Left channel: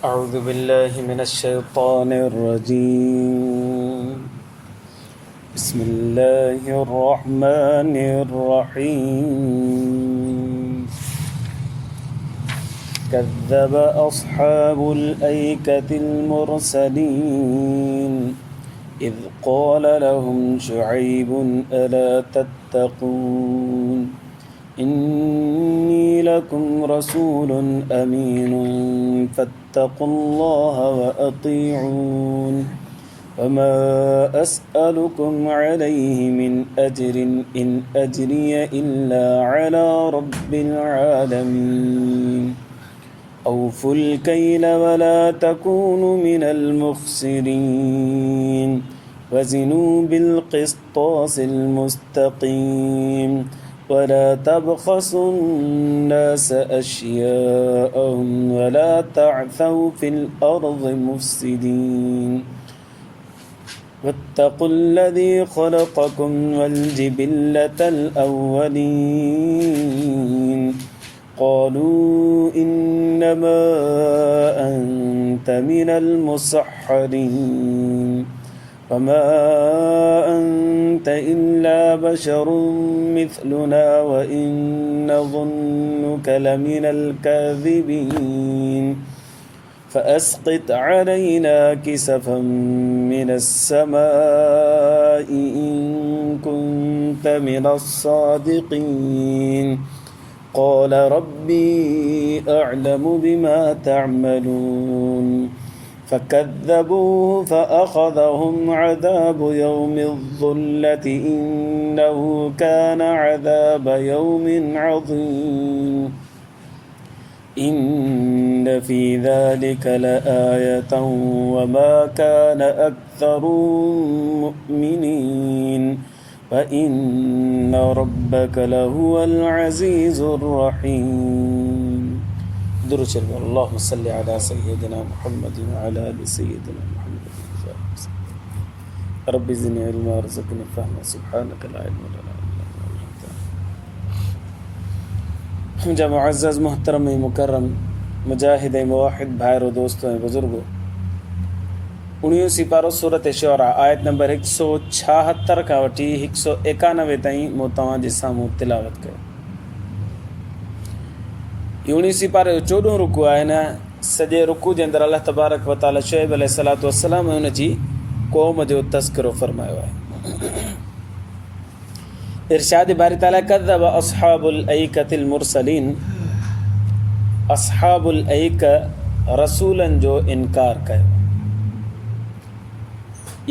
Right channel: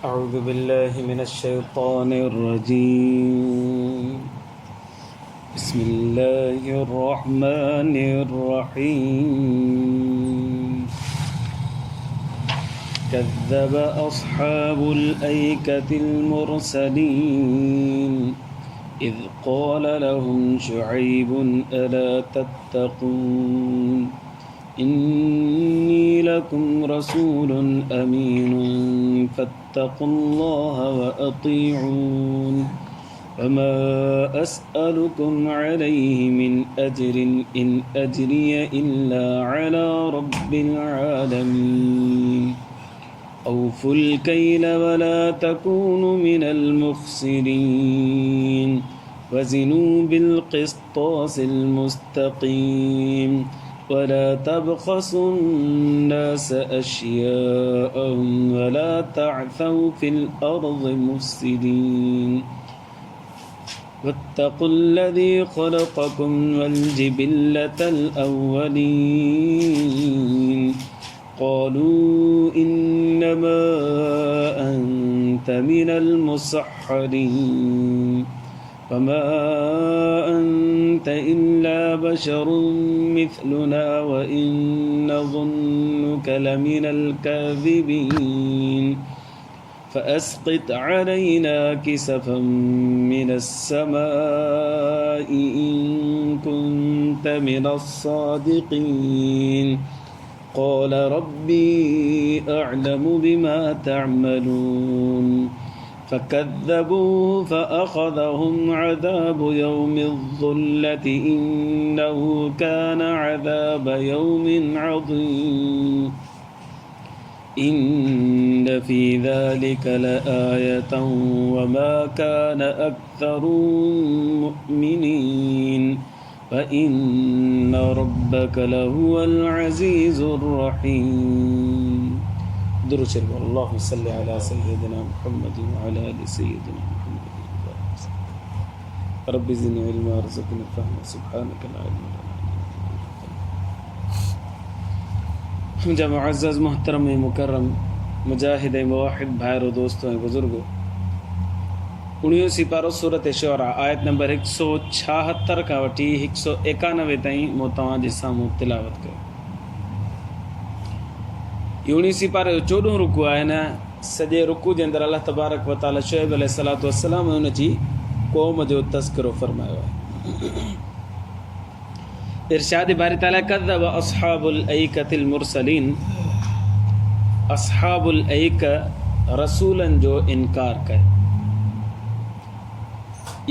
أعوذ بالله من الشيطان الرجيم. بسم الله الرحمن الرحيم. كذب أصحاب الأيكة المرسلين إذ قال لهم شعيب ألا تتقون إني لكم رسول أمين فاتقوا الله وأطيعون وما أسألكم عليه من أجر إن أجري إلا على رب العالمين أوفوا الكيل ولا تكونوا من المخسرين وزنوا بالقسطاس المستقيم ولا تبخسوا الناس أشياءهم ولا تعثوا في الأرض مفسدين واتقوا الذي خلقكم والجبلة الأولين قالوا إنما أنت من المسحرين وما أنت إلا بشر مثلنا وإن نظنك لمن الكاذبين فأسقط علينا كسفا من السماء إن كنت من الصادقين قال ربي أعلم بما تعملون فكذبوه فأخذهم عذاب يوم الظلة إنه كان عذاب يوم عظيم إن في ذلك لآية وما كان أكثرهم مؤمنين وإن ربك لهو العزيز الرحيم. درود شريف. اللهم صل على سيدنا محمد وعلى آل سيدنا محمد. رب زدني علما وارزقني فهما سبحانك لا علم لنا إلا ما علمتنا. मुंहिंजा मुअज़्ज़ज़ मुहतरम ऐं मुकरम मुजाहिद ऐं मुवाहिद भाइरो दोस्तो ऐं बुज़ुर्गो, 19 सिपारो सूरत शुअरा आयत नंबर 176 खां वठी 191 ताईं मूं तव्हांजे साम्हूं तिलावत कयो। 19 सिपारे जो 14 रुकू आहे न, सॼे रुकू जे अंदरि अल्लाह तबारक व तआला शुएब अलैहिस्सलातु वस्सलाम हुन जी क़ौम जो तज़किरो फरमायो आहे। इरशाद बारी ताला कज़्ज़ब अस्हाबुल ऐकतिल मुरसलीन, अस्हाबुल ऐक रसूलन जो इनकार कयो।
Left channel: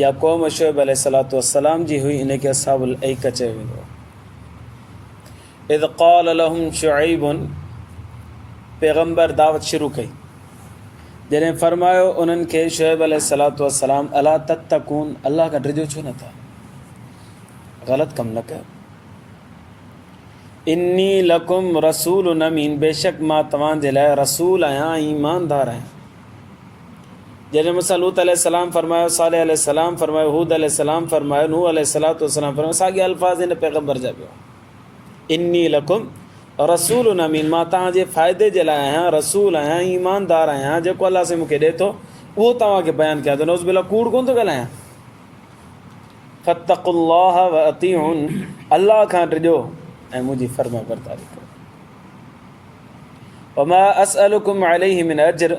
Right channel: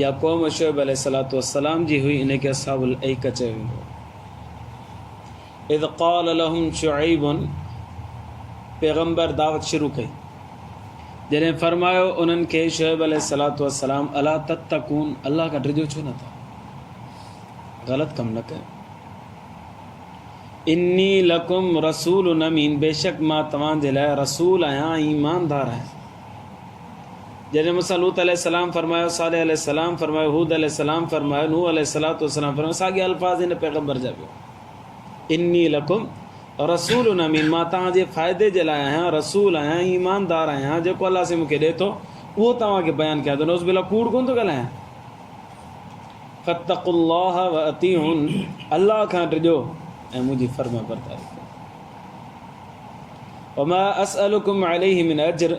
या क़ौम शुएब अलैहिस्सलातु वस्सलाम जी हुई, इन खे अस्हाबुल ऐक चयो वेंदो। इज़ क़ाल लहुम शुअइबुन, पैगम्बर दावत शुरू कई, जॾहिं फरमायो उन्हनि खे शुएब अलैहिस्सलातु वस्सलाम अला तत्तकून, अल्लाह खां डिॼो छो नथा, ग़लति कमु न कयो। इन्नी लकुम रसूलुन अमीन, बेशक मां तव्हांजे लाइ रसूल आहियां, ईमानदार आहियां। जॾहिं मूंसां लूत अलैहिस्सलाम फरमायो, सालेह अलैहिस्सलाम फरमायो, हूद अलैहिस्सलाम फरमायो, नूह अलैहिस्सलातु वस्सलाम फरमायो, साॻिया अल्फाज़ हिन पैगम्बर जा पियो। इन्नी लकुम रसूलुन अमीन, मां तव्हांजे फ़ाइदे जे लाइ आहियां, रसूल आहियां, ईमानदार आहियां। जेको अल्लाह से मूंखे ॾिए थो उहो तव्हांखे बयानु कयां थो, नौज़ बिल्लाह कूड़ कोन थो ॻाल्हायां। फत्तक़ुल्लाह व अतीउन, अल्लाह खां डिॼो ऐं मुंहिंजी फर्मा बरदारी कयो। वमा असअलुकुम अलैहि मिन अज्र,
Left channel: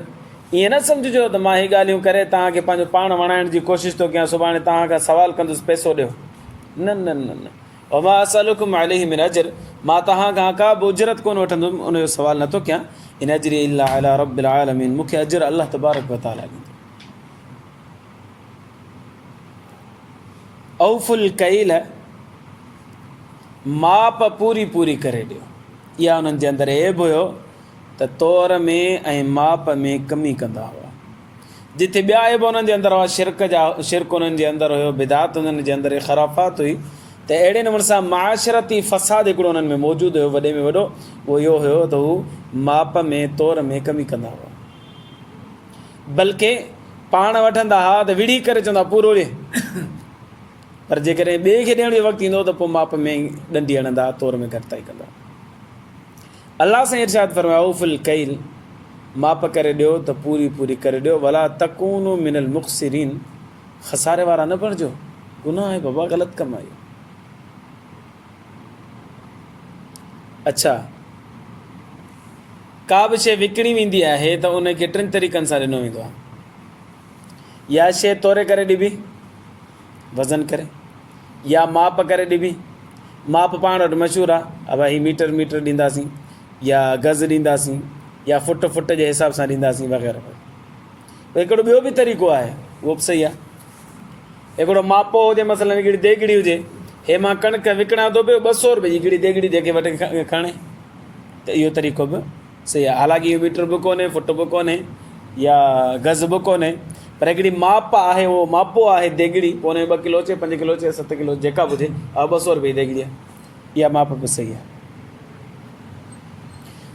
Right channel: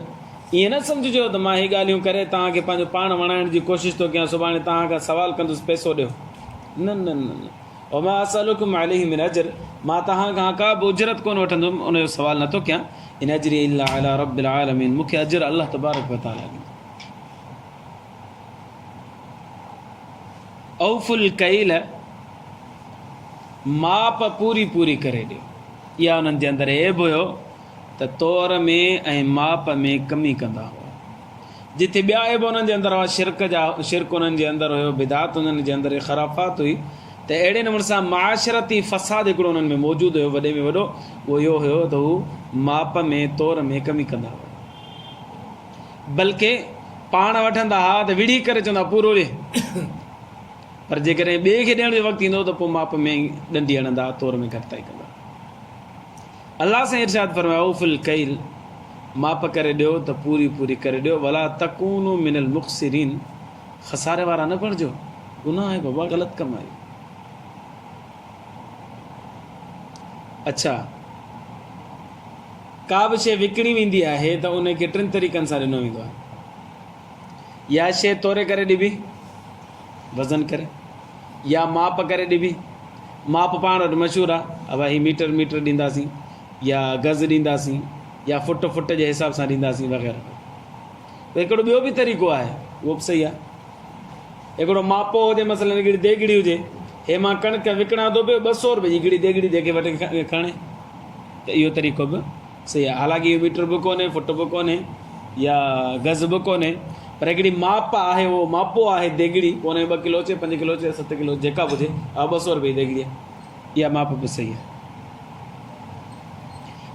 ईअं न सम्झिजो त मां हीअ ॻाल्हियूं करे तव्हांखे पंहिंजो पाण वणाइण जी कोशिशि थो कयां, सुभाणे तव्हां खां सवाल कंदुसि पैसो ॾियो। न न न न, वमा असअलुकुम अलैहि मिन अज्र, मां तव्हां खां का बि उजरत कोन वठंदुमि, उनजो सवाल नथो कयां। इन अज्री इल्ला अला रब्बिल आलमीन, मूंखे अजर अल्लाह तबारक व तआला ॾींदो। औफुल कैल, माप पूरी पूरी करे ॾियो। इहा उन्हनि जे अंदरि ऐब हुयो त तौर में ऐं माप में कमी कंदा हुआ। जिथे ॿिया ऐब उन्हनि जे अंदरि हुआ, शिरक उन्हनि जे अंदरि हुयो, बिदात उन्हनि जे अंदरि ख़राफ़ात हुई, त अहिड़े नमूने सां माशरती फ़साद हिकिड़ो उन्हनि में मौजूदु हुयो, वॾे में वॾो। उहो इहो हुयो त हू माप में तौर में कमी कंदा हुआ, बल्कि पाण वठंदा हा त विड़ी करे चवंदा पूरो ॾे, पर जेकॾहिं ॿिए खे ॾियण जो वक़्तु ईंदो त पोइ माप में ॾंडी हणंदा, तौर में घटिताई कंदा। अल्लाह सां इरशाद फरमायो उफुल कैल, माप करे ॾियो त पूरी पूरी करे ॾियो। वला तकूनु मिनल मुक़सिरीन, खसारे वारा न बणिजो, गुनाह आहे बाबा, ग़लति कमु आहे। अच्छा, का बि शइ विकिणी वेंदी आहे त उनखे 3 तरीक़नि सां ॾिनो वेंदो आहे। या शइ तोरे करे ॾिबी, वज़न करे, या माप करे ॾिबी। माप पाण वटि मशहूरु आहे, भाई मीटर ॾींदासीं, या गज़ ॾींदासीं, या फुट जे हिसाब सां ॾींदासीं वग़ैरह। हिकिड़ो ॿियो बि तरीक़ो आहे, उहो बि सही आहे। हिकिड़ो मापो हुजे, मसइलनि हिकिड़ी देगिड़ी हुजे, हे मां कणिक विकिणां थो पियो 200 रुपए जी हिकिड़ी देगिड़ी जेके वठी खणे, त इहो तरीक़ो बि सही आहे। हालांकि इहो मीटर बि कोन्हे, फुट बि कोन्हे, या गज़ बि कोन्हे, पर हिकिड़ी माप आहे, उहो मापो आहे देगिड़ी, कोन्हे 2 किलो अचे, 5 किलो अचे, 7 किलो जेका बि हुजे, 200 रुपए जी देगिड़ी आहे, इहा माप बि सही आहे।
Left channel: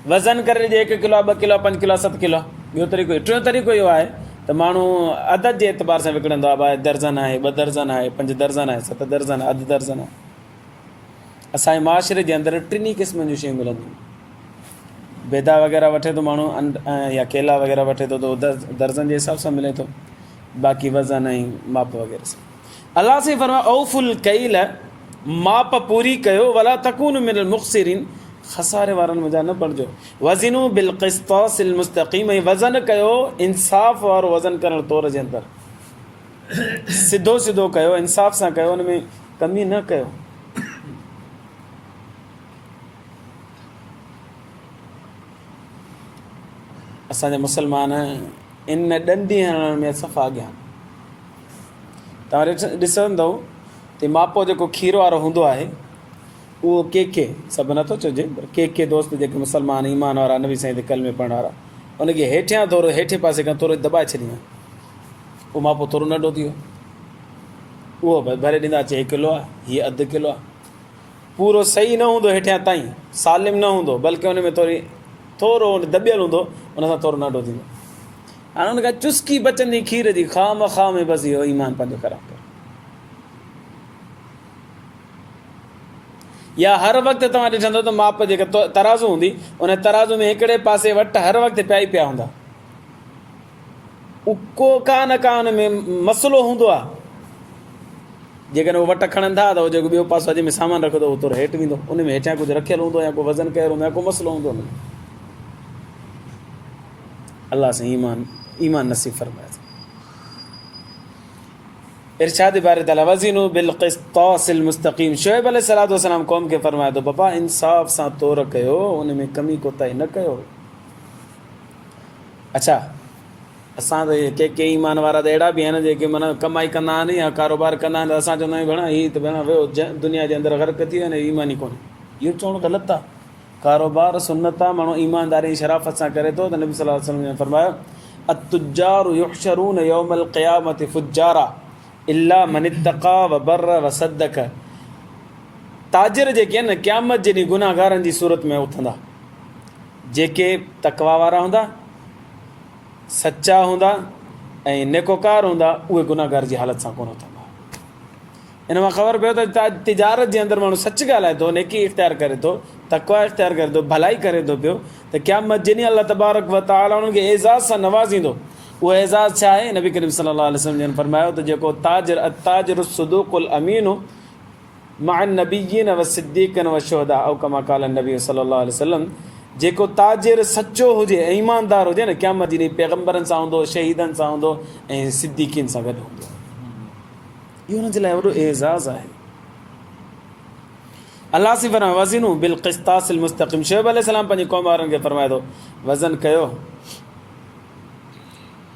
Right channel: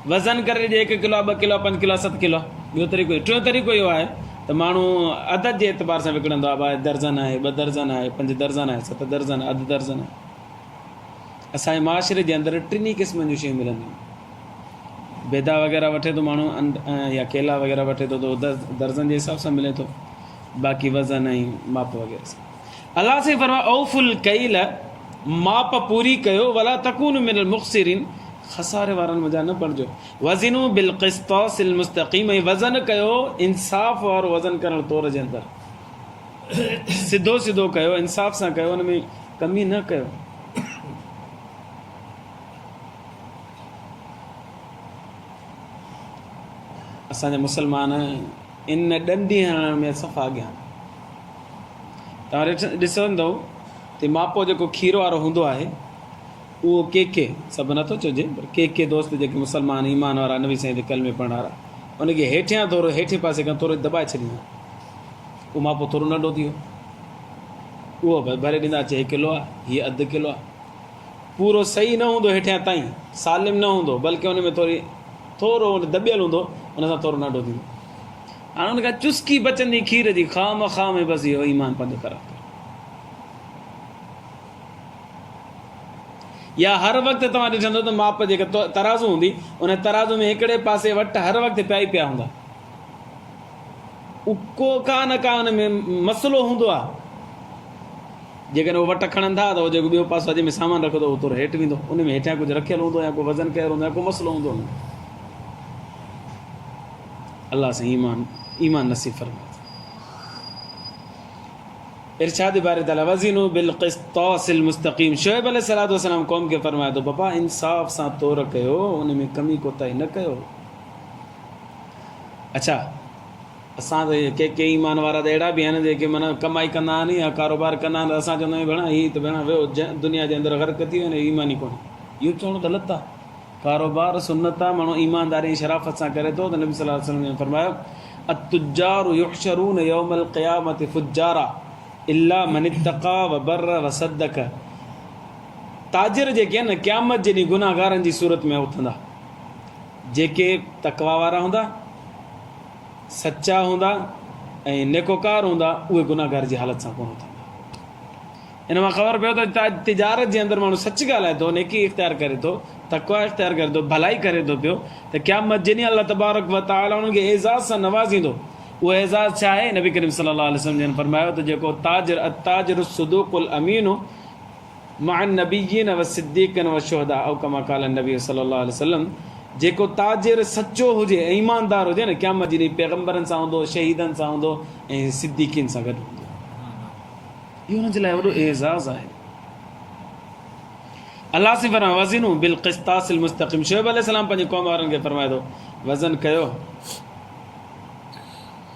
वज़न करे ॾिए 1 किलो, 2 किलो, 5 किलो, 7 किलो, ॿियो तरीक़ो। टियों तरीक़ो इहो आहे त माण्हू अदद जे एतबार सां विकिणंदो आहे, 2 दर्जन आहे, 2 दर्जन आहे, 5 दर्जन आहे, 7 दर्जन आहे, अधु दर्जन आहे। असांजे माशरे जे अंदरि 3 क़िस्मनि जूं शयूं मिलंदियूं। बेदा वग़ैरह वठे थो माण्हू, या केला वग़ैरह वठे थो, त दर्जन जे हिसाब सां मिले थो, बाक़ी वज़न ऐं माप वग़ैरह सां। अलाह साईं फरमाए औफुल कैल, माप पूरी कयो, वला तकूनु मिनल मुक़सिरीन, खसारे वारनि मज़ा न पड़िजो। वज़िनू बिल क़िस्तासिल मुस्तक़ीम, ऐं वज़न कयो इंसाफ़ वारो वज़न करण तौर जे अंदरि, सिधो सिधो कयो, इंसाफ़ सां कयो, हुन में कमी न कयो। असांजा मुसलमान इन ॾंडी हणण में सफ़ा अॻियां। तव्हां ॾिसंदव त मापो जेको खीर वारो हूंदो आहे, उहो के सभु नथो चइजे, के दोस्त जेके मुसलमान ईमान वारा, नबी साईं कल में पढ़ण वारा, उनखे हेठियां थोरो, हेठे पासे खां थोरो दॿाए छॾींदा, उहो मापो थोरो नंढो थी वियो, उहो भरे ॾींदा, अचे 1 किलो आहे, हीअ अधु किलो आहे। पूरो सही न हूंदो हेठियां ताईं, सालिम न हूंदो, बल्कि हुन में थोरो दॿियल हूंदो, हुन सां थोरो नंढो थींदो। हाणे हुनखां चुस्की बचंदी खीर जी, खाम में बसि इहो ईमान पंहिंजो ख़राबु करे। या हर वक़्तु तव्हां ॾिसंदो त माप जेका तराज़ू हूंदी, उन तराज़ू में हिकिड़े पासे वटि हर वक़्तु पिया हूंदा, को का न का हुन में मसइलो हूंदो आहे। जेकॾहिं उहो वटि खणनि था त उहो जेको ॿियो पासो जंहिंमें सामान रखो त उहो थोरो हेठि वेंदो, उन में हेठियां कुझु रखियलु हूंदो, या को वज़न कयल हूंदो, या को मसइलो हूंदो। अलाह सां ईमान नसीब फरमाए। इरशाद बारे ताला वज़िनू बिल क़िस्तासिल मुस्तक़ीम, शुएब अलैहिस्सलाम क़ौम खे फरमाए थो, बाबा इंसाफ़ सां तौर कयो, उन में कमी कोताही न कयो। अच्छा, असां त के ईमान वारा त अहिड़ा बि आहिनि जेके माना कमाई कंदा आहिनि या कारोबार कंदा आहिनि, असां चवंदा आहियूं भेण हीअ त भेण वियो दुनिया जे अंदरि ग़र्क़ थी वञे, ईमान ई कोन्हे। इहो चवणु ग़लति आहे। कारोबार सुन्नत आहे, माण्हू ईमानदारी शराफ़त सां करे थो, त नबी सल्लल्लाहु अलैहि वसल्लम ने फरमायो अत्तुजारु युहशरून यौमल क़ियामति फुज्जारा इल्ला मन इत्तक़ा व बर्र व सद्दक। ताजिर जेके आहिनि न, क़यामत जे ॾींहुं गुनाहगारनि जी सूरत में उथंदा। जेके तक़वा वारा हूंदा, सचा हूंदा ऐं नेकोकार हूंदा, उहे गुनाहगार जी हालत सां कोन उथंदा। इन मां ख़बर पियो त तिजारत जे अंदरि माण्हू सच ॻाल्हाए थो, नेकी इख़्तियार करे थो, तक़वा इख़्तियार करे थो, भलाई करे थो पियो, त क़यामत जे ॾींहुं अल्लाह तबारक व तआला उन्हनि खे एज़ाज़ सां नवाज़ींदो। उहो एज़ाज़ छा आहे? नबी करीम सल्लल्लाहु अलैहि वसल्लम जन फरमायो त जेको ताजिर सुदूक़ुल अमीन मअन नबिय्यिन व सिद्दीक़िन व शुहदा औ कमा क़ाल नबी सल्लल्लाहु अलैहि वसल्लम, जेको ताजिर सचो हुजे, ईमानदार हुजे न, क़यामत जे ॾींहुं पैगंबरनि सां हूंदो, शहीदनि सां हूंदो ऐं सिद्दीक़ीन सां गॾु हूंदो। इहो हुन जे लाइ वॾो एज़ाज़ आहे। अलाह से फरमाए वज़िनू बिल क़िस्तासिल मुस्तक़ीम। शुएब अलैहिस्सलाम पंहिंजे क़ौम वारनि खे फरमाए थो वज़न कयो,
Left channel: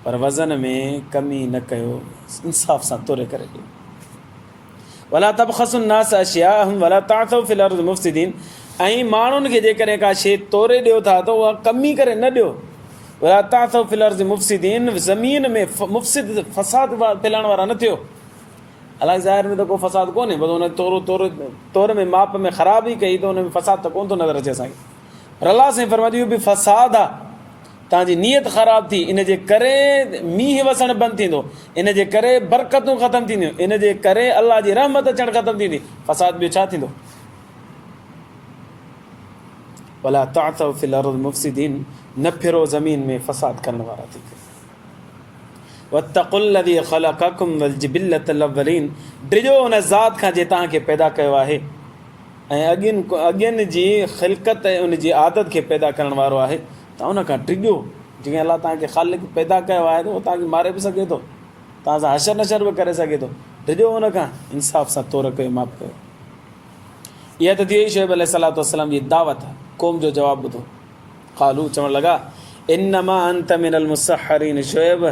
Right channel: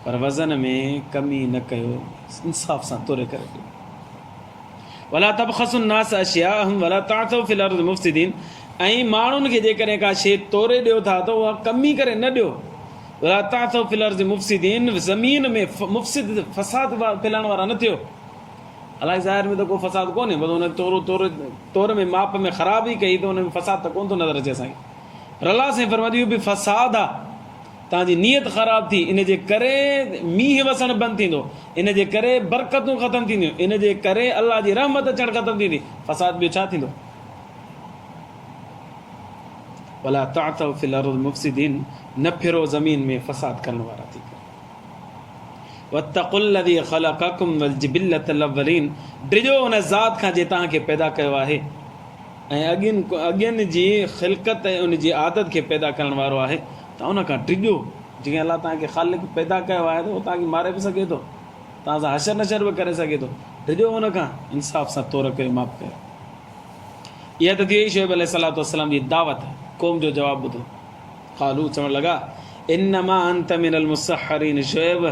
पर वज़न में कमी न कयो, इंसाफ़ सां तोरे करे ॾियो। वला तबख़सुन नास अशियाअहुम वला ताअसौ फिल अर्ज़ि मुफ़्सिदीन। ऐं माण्हुनि खे जेकॾहिं का शइ तोरे ॾियो था त उहा कमी करे न ॾियो। वला ताअसौ फिल अर्ज़ि मुफ़्सिदीन, ज़मीन में मुफ़्सिद फ़साद फैलाइण वारा न थियो। हालांकि ज़ाहिर में त को फ़साद कोन्हे, बसि हुन तौर में माप में ख़राबी कई त हुन में फ़साद त कोन थो नज़र अचे असांखे। पर अलाह साईं फरमाए इहो बि फ़साद आहे, तव्हांजी नियत ख़राबु थी, इन जे करे मींहुं वसणु बंदि थींदो, इन जे करे बरकतूं ख़तमु थींदियूं, इन जे करे अलाह जी रहमत अचणु ख़तमु थींदी, फ़साद ॿियो छा थींदो? वला तातव फिल अर्द मुफ़सिदीन, न फिरो ज़मीन में फ़साद करण वारा थी करे। वत्तक़ुल्लज़ी ख़लक़कुम वल जिबिल्लतल अव्वलीन, डिजो उन ज़ात खां जे तव्हांखे पैदा कयो आहे ऐं अॻियनि जी ख़िलक़त ऐं उन जी आदत खे पैदा करण वारो आहे, त उन खां डिजो। जीअं अलाह तव्हांखे ख़ालिक़ पैदा कयो आहे त उहो तव्हांखे मारे बि सघे थो, तव्हां सां हशर नशर बि करे सघे थो, डिजो उन खां इंसाफ़ सां तौर कयो, माफ़ कयो। इहा त थी वई शुएब अलैहिस्सलाम जी दावत, क़ौम जो जवाबु ॿुधो। क़ालू, चवणु लॻा, इन्नमा अंत मिनल मुसहरीन, शुएब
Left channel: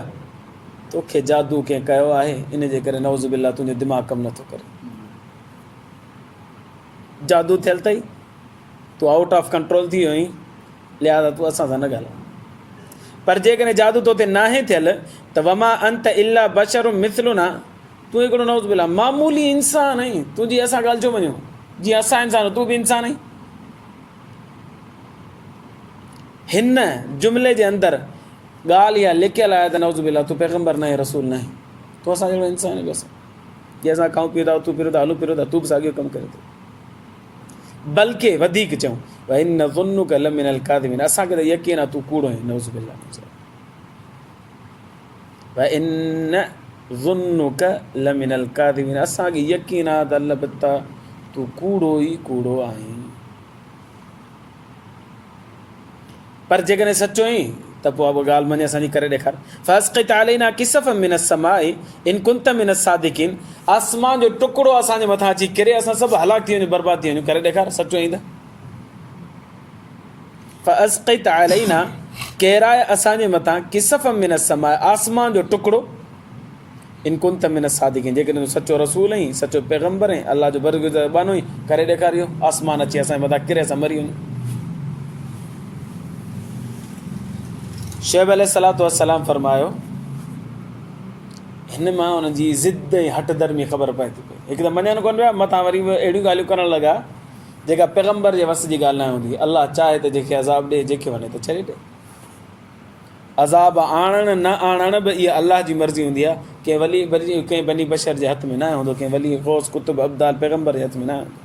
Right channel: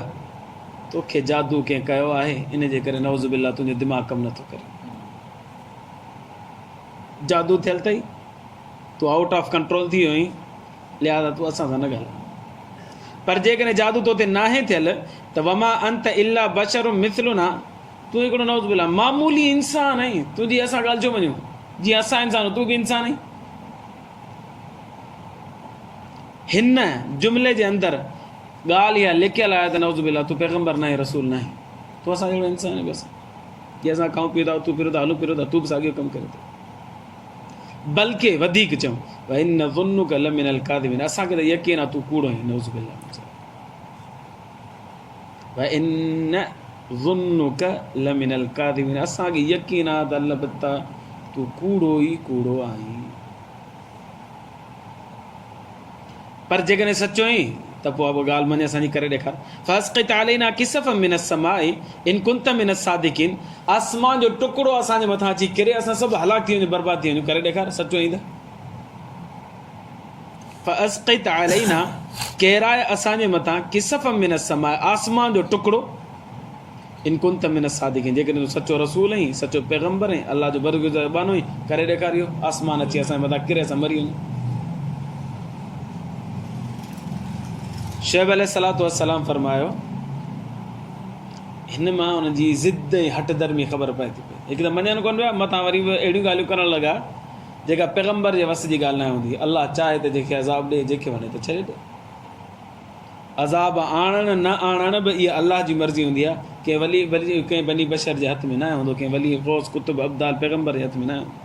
तोखे जादू कंहिं कयो आहे, इन जे करे नऊज़ बिल्लाह तुंहिंजो दिमाग़ कमु नथो करे। जादू थियल अथई, तूं आउट ऑफ कंट्रोल थी वियो आहीं, लिहाज़ा तूं असां सां न ॻाल्हाए। पर जेकॾहिं जादू तो ते नाहे थियल त वमा अंत इल्ला बशरुम मिथलुना, तूं हिकिड़ो नऊज़ बिल्लाह मामूली इंसान आहीं, तुंहिंजी असां ॻाल्हि छो मञूं? जीअं असां इंसान, तूं बि इंसान आहीं। हिन जुमिले जे अंदरि ॻाल्हि इहा लिखियल आहे त नऊज़ बिल्लाह तूं पैगम्बर न आहे, रसूल न आहे, तूं असां जहिड़ो इंसान आहे। बसि जीअं असां खाऊं पीऊं था, तूं पीओ था, हलूं पीओ था, तूं बि साॻियो कमु करे थो। बल्कि वधीक चऊं, व इन ज़ुन्नुक लमिनल काज़िबीन, असांखे त यकीन आहे तूं कूड़ो आहीं, नऊज़ बिल्लाह। व इन ज़ुन्नुक लमिनल काज़िबीन, असांखे यकीन आहे त अलबत्ता तूं कूड़ो ई कूड़ो आहीं। पर जेकॾहिं सचो आहीं त पोइ उहा ॻाल्हि मञे असांजी करे ॾेखार। फ़स्क़ित अलैना किसफ़म मिनस समाई इन कुंत मिनस सादिकीन, आसमान जो टुकड़ो असांजे मथां अची किरे, असां सभु हलाक थी वञूं, बर्बाद थी वञूं, करे ॾेखार सचो आहीं त। फ़स्क़ित अलैना, किराए असांजे मथां किसफ़म मिनस समाई, आसमान जो टुकड़ो, इन कुंत मिनस सादिकीन, जेकॾहिं तूं सचो रसूल आहीं, सचो पैगम्बर आहीं, अल्लाह जो बरगुज़र बानो आहीं, करे ॾेखारियो आसमान अची असांजे मथां किरे, असां मरी वञूं। शुएब अलैहिस्सलाम फरमायो, हिन मां हुनजी ज़िद ऐं हट धर्मी ख़बर पए थी पई। हिकु त मञनि कोन पिया, मथां वरी बि अहिड़ियूं ॻाल्हियूं करणु लॻा जेका पैगम्बर जे वस जी ॻाल्हि न हूंदी। अल्लाह चाहे त जंहिंखे अज़ाब ॾे, जंहिंखे वञे त छॾे ॾे। अज़ाब आणणु न आणणु बि इहा अल्लाह जी मर्ज़ी हूंदी आहे। कंहिं वली कंहिं बनी बशर जे हथ में न हूंदो, कंहिं वली ग़ौस कुतुब अब्दाल पैगम्बर जे हथ में न हूंदो।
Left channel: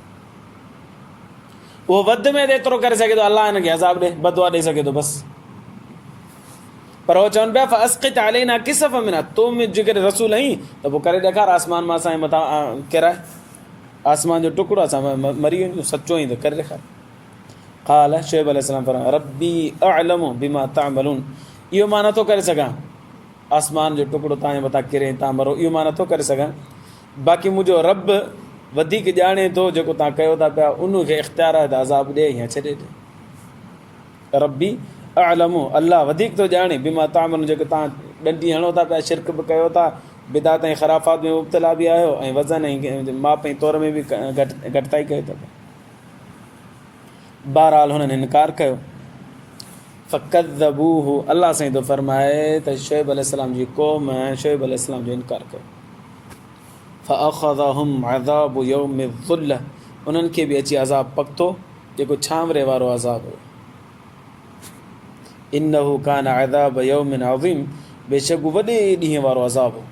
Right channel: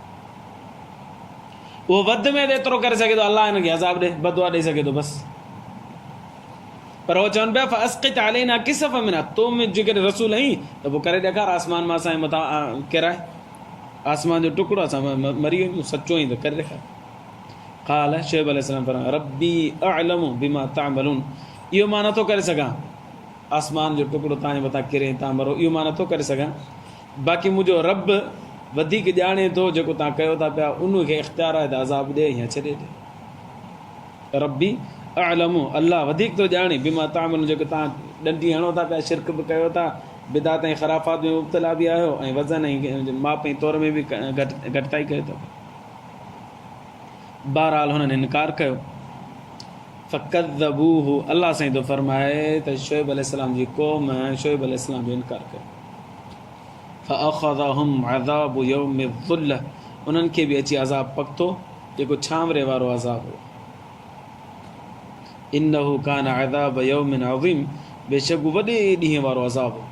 उहो वधि में एतिरो करे सघे थो, अल्लाह हिनखे अज़ाब ॾे, बदुआ ॾेई सघे थो बसि। पर उहो चवनि पिया फ़स्क़ित अलैना किसफ़म मिना, तूं जेकॾहिं रसूल आहीं त पोइ करे ॾेखार आसमान मां असांजे मथां किराए, आसमान जो टुकड़ो, असां मरी वञूं, सचो आहीं त करे ॾेखार। क़ाल, शुएब अलैहिस्सलाम फरमायो, रब्बी अअलमु बिमा तअमलून, इहो मां नथो करे सघां, आसमान जो टुकड़ो तव्हांजे मथां किरे तव्हां मरो, इहो मां नथो करे सघां। बाक़ी मुंहिंजो रब वधीक ॼाणे थो, जेको तव्हां कयो था पिया उनखे इख़्तियार आहे त अज़ाब ॾे या छॾे ॾे। रब्बी अअलमु, अल्लाह वधीक थो ॼाणे, बिमा तअमलून, जेको तव्हां ॾंडी हणो था पिया, शिरक बि कयो था, बिदात ऐं ख़राफ़ात में मुब्तला बि आहियो, ऐं वज़न ऐं माप ऐं तौर में बि घटिताई कयो था। बहरहाल हुननि इनकार कयो। फ़कज़्ज़बूहु, अल्लाह साईं थो फरमाए त शुएब अलैहिस्सलाम जी क़ौम शुएब अलैहिस्सलाम जो इनकार कयो। फ़अख़ज़हुम अज़ाबु यौमि ज़ुल्ल, उन्हनि खे बि अची अज़ाब पकितो, जेको छांवरे वारो अज़ाब हो। इन्नहु कान अज़ाब यौमिन अज़ीम, बेशक वॾे ॾींहं वारो अज़ाब हो,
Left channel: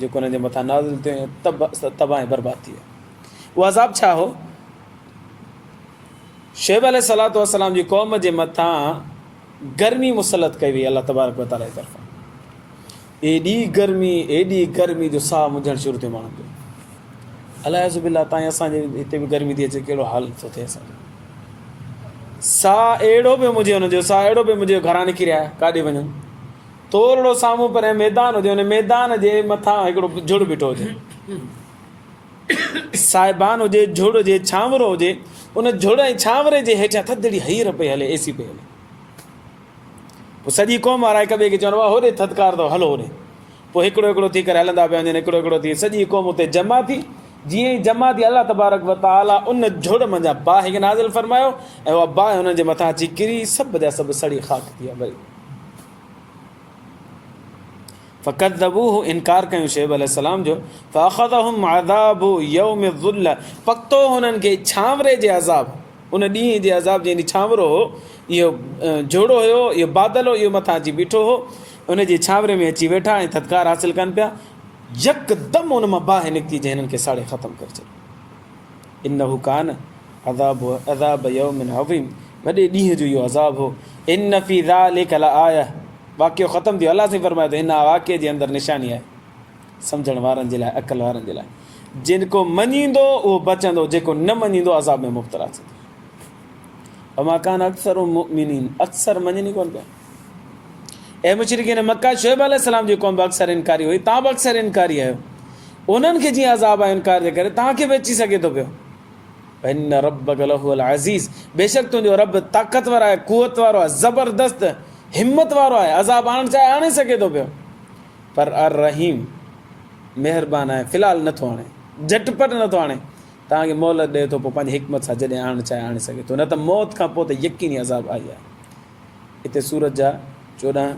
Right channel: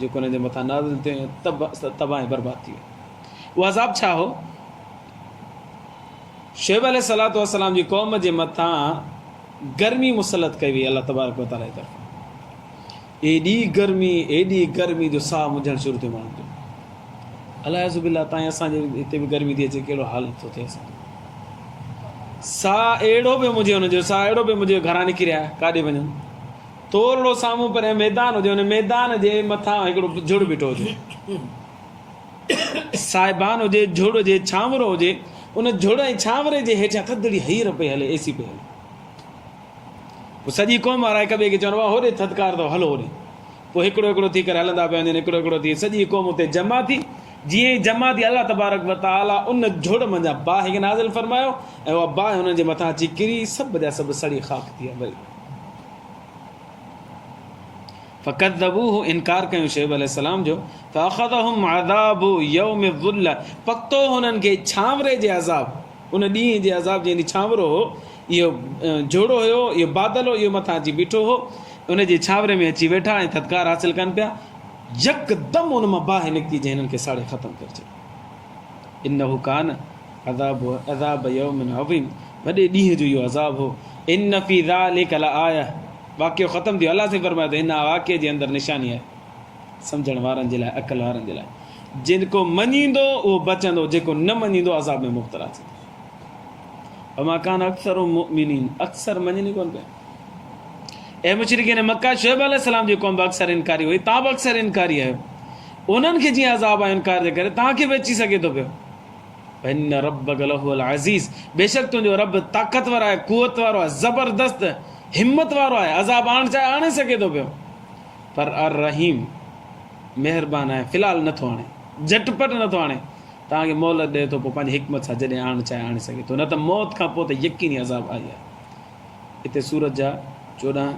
जेको हुननि जे मथां नाज़िल थियो, तबाह ऐं बर्बाद थी वियो। उहो अज़ाब छा हो? शुएब अलैहिस्सलाम जी क़ौम जे मथां गर्मी मुसलत कई वई अल्लाह तबारक व तआला जी तरफ़ां। एॾी गर्मी जो साह मुझणु शुरू थियो माण्हुनि जो। अलाज़ बिल्लाह, ताईं असांजे हिते बि गर्मी थी अचे, कहिड़ो हाल थो थिए असांजो। साह अहिड़ो बि मुंहिंजे हुनजो साह अहिड़ो बि मुंहिंजे घरां निकिरी आया, काॾे वञनि, थोरो साम्हूं पर मैदान हुजे, हुन मैदान जे मथां हिकिड़ो झुड़ बीठो हुजे, साहिबान हुजे, झुड़ हुजे, छांवरो हुजे, उन झुड़ ऐं छांवरे जे हेठां थधिड़ी हीर पई हले, एसी पई हले। पोइ सॼी क़ौम वारा हिक ॿिए खे चवनि, वाह होॾे थधिकार अथव, हलो होॾे। पोइ हिकिड़ो हिकिड़ो थी करे हलंदा पिया वञनि, हिकिड़ो थी, सॼी क़ौम उते जमा थी। जीअं ई जमा थी, अल्लाह तबारक व तआला उन झुड़ मंझां बाहि खे नाज़िल फरमायो, ऐं उहा बाहि हुननि जे मथां अची किरी, सभु जा सभु सड़ी ख़ाक थी विया। वरी फ़कज़्ज़बूहु, इनकार कयूं शुएब अलैहिस्सलाम जो। फ़अख़ज़हुम अज़ाबु यौमि ज़ुल्ल, पकितो हुननि खे छांवरे जे अज़ाब, उन ॾींहं जे अज़ाब जे ॾींहुं छांवरो हो, इहो झोड़ो हुयो, इहो बादल हो, इहो मथां अची बीठो हो, उन जे छांवरे में अची वेठा ऐं थधिकार हासिल कनि पिया। यकदम उन मां बाहि निकिती जंहिं हिननि खे साड़े ख़तमु करे छॾियो। इन्नहु कान अज़ाब यौमिन अज़ीम, वॾे ॾींहं जो इहो अज़ाब हो। इन फी ज़ालिका लआया, वाक़ियो ख़तमु थियो। अलाह से फरमाए थो हिन वाक़िए जे अंदरि निशानी आहे सम्झण वारनि जे लाइ, अक़ल वारनि जे लाइ। जिनको मञींदो उहो बचंदो, जेको न मञींदो अज़ाब में मुब्तला थींदो। वमा कान अक्सर मुमिनीन, अक्सर मञनि कोन पिया। ऐं मुशरिकीन मक्का शुएब अलैहिस्सलाम जी क़ौम बि अक्सर इनकारी हुई, तव्हां बि अक्सर इनकारी आहियो। उन्हनि खे जीअं अज़ाब आहे इनकार जे करे, तव्हांखे बि अची सघे थो पियो। इन रब्बक लहुल अज़ीज़, बेशक तुंहिंजो रब ताक़तवर आहे, कुवत वारो आहे, ज़बरदस्त हिम्मत वारो आहे, अज़ाब आणणु चाहे आणे सघे थो पियो। पर अर रहीम, महिरबान आहे, फ़िलहालु नथो आणे, झटपट नथो आणे, तव्हांखे मोहलत ॾिए थो, पोइ पंहिंजी हिकमत सां जॾहिं आणणु चाहे आणे सघे थो, न त मौत खां पोइ त यकीनी अज़ाब आई आहे। हिते सूरत जा 14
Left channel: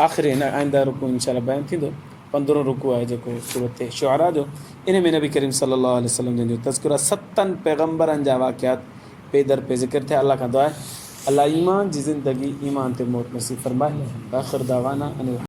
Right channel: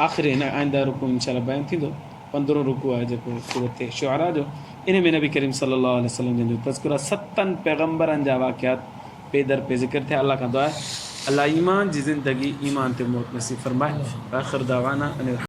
आख़िरी आईंदा रुकू इंशाअल्लाह बयानु थींदो। 15 रुकू आहे जेको सूरत शुआरा जो, इन में नबी करीम सल्लल्लाहु अलैहि वसल्लम जो तज़किरा 7 पैगम्बरनि जा वाक़ियात पे दर पे ज़िक्र थिया। अल्लाह खां दुआ आहे अल्लाह ईमान जी ज़िंदगी, ईमान ते मौत नसीब फरमाए। आख़िर दावाना अनिल